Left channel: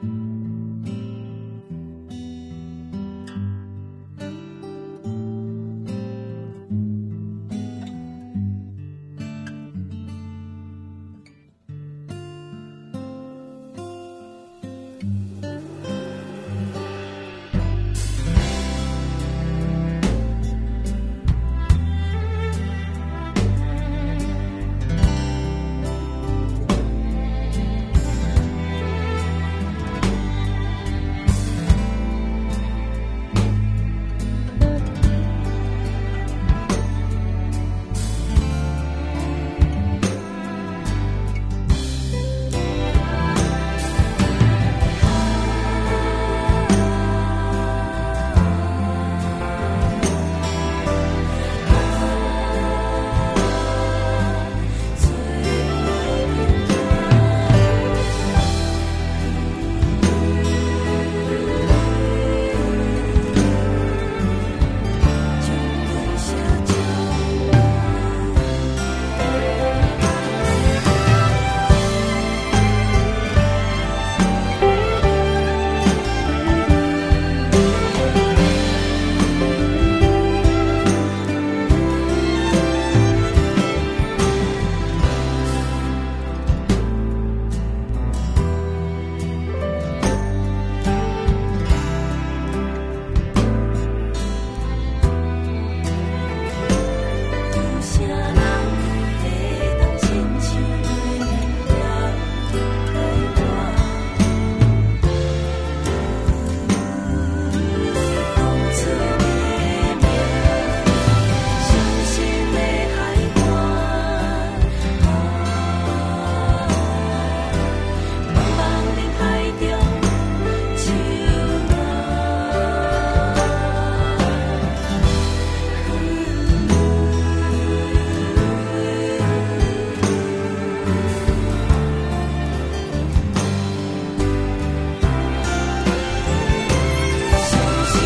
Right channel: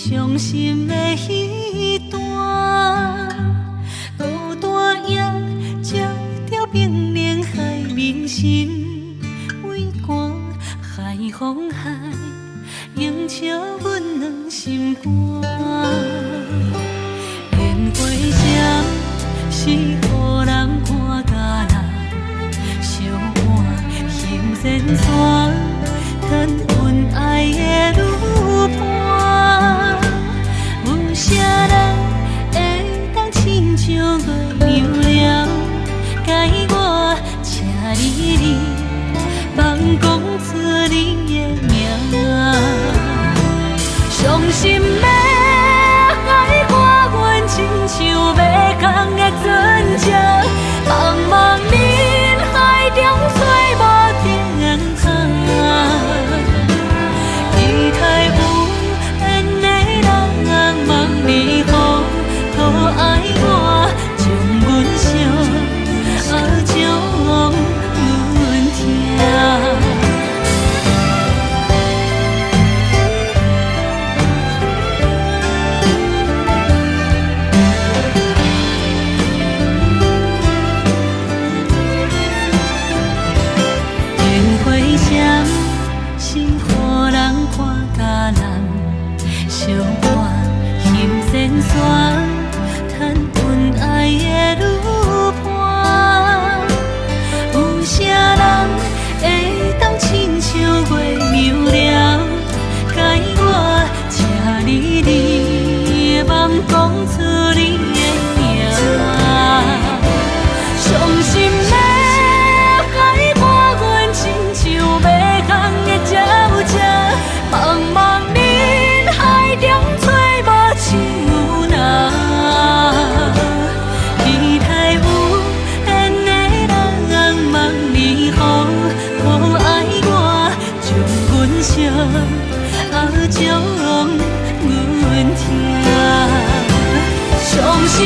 伤心的彼段，孤单夜照着冰冷海面心微寒，海风海映照阮两心肝。烟花闪是予人看甲人相伴行前山，谈恩爱的路伴。有啥人会当亲像月亮了，解我请你放讲出你的名，伤心的海我阮亲像要空的船只，茫茫人海中找无定靠，期待有缘的人望你好，可爱我将阮伤，将阮疼。烟花闪是予人看甲人相伴行前山，谈恩爱的路伴。有啥人会当亲像月亮了，解我请你茫讲出你的名，伤心的海我阮亲像要空的鸟只，茫茫人海中找无像人，期待有缘的人望你好，可爱我将阮伤，将阮疼。伤心